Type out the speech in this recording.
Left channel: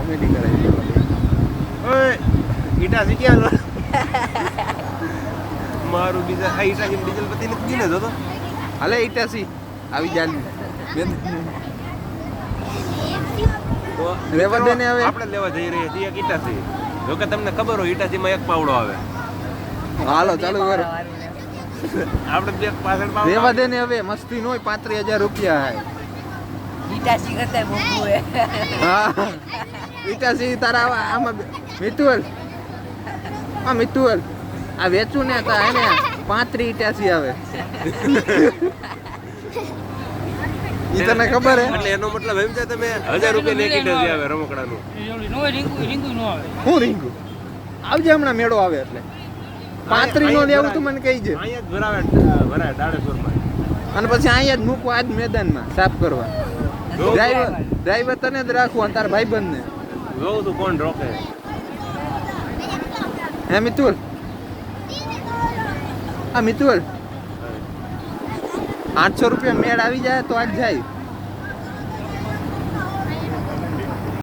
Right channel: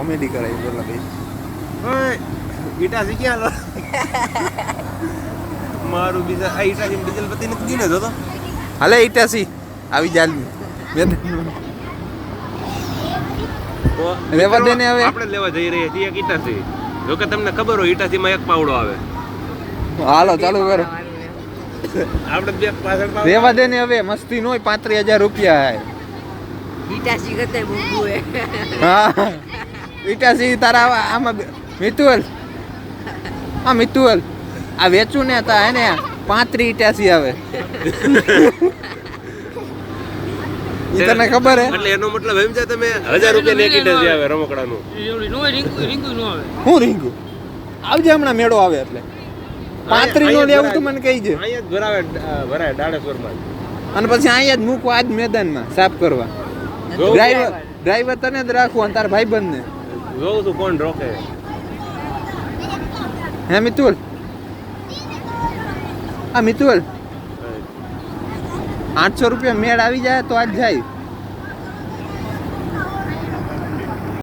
Comedy કરે પેલા ભાઈ. ઓય ઈટાસી ક્યાં લો મારું બીજા આ ઈટાસી ડીઝલ પતિ નથી દીને જોતો. હાલે ઈટાસી આવી જાલ લેવા દે ને હવે. આપણે લેવા જઈ રહ્યા છીએ એક ઈટાસી. જો કે તમને ખબર હોય ઈટાસીમાં એક પાવડો આવે. હાલો ચાલુ કરો. આપણે બે પાછળ પાવડો લેવા દે ને હવે મસ્તી નો 35,000 રૂપિયા હે. ઈટાસી કરતા મોંઘું હે. હા ઈટાસી તારા આમાં મિતુલ હા મિતુલ આ વેચું ને તા હે ને 35 ઈટાસી આવે. ઈ તને ખબર હે? એટલે એનો મતલબ એમ છે તમે 1000 રૂપિયા એક ઈટાસી આવે રમકડાનું. હું રીંગુ આવજે હમણાં મેળો આવે એટલે 35 નો લેવું તું મને કહી છે. અહીંયા જ ભરાય દાડેશ્વરમાં. અને પછી અહીંયા જ મૂકવા આજ મેદાનમાં સાફ કરવા. ડ્રાઈવર તને જ રાખવું અને તારા ભાઈબંધ ને. જોઉં છું કોણ રોકે. હે મિતુલ હા મિતુલ 800 રૂપિયા મેળ આવી જાય તો આજ જાય.